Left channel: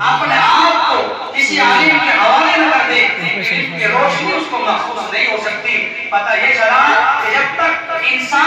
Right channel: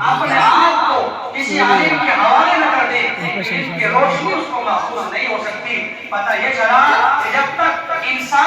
اپنے آپ کو کسی عالم کے حوالے نہ کر دے، علم کی روشنی اس کو محسوس نہیں ہو سکتی۔ پتہ یہ چلا کہ جب تک انسان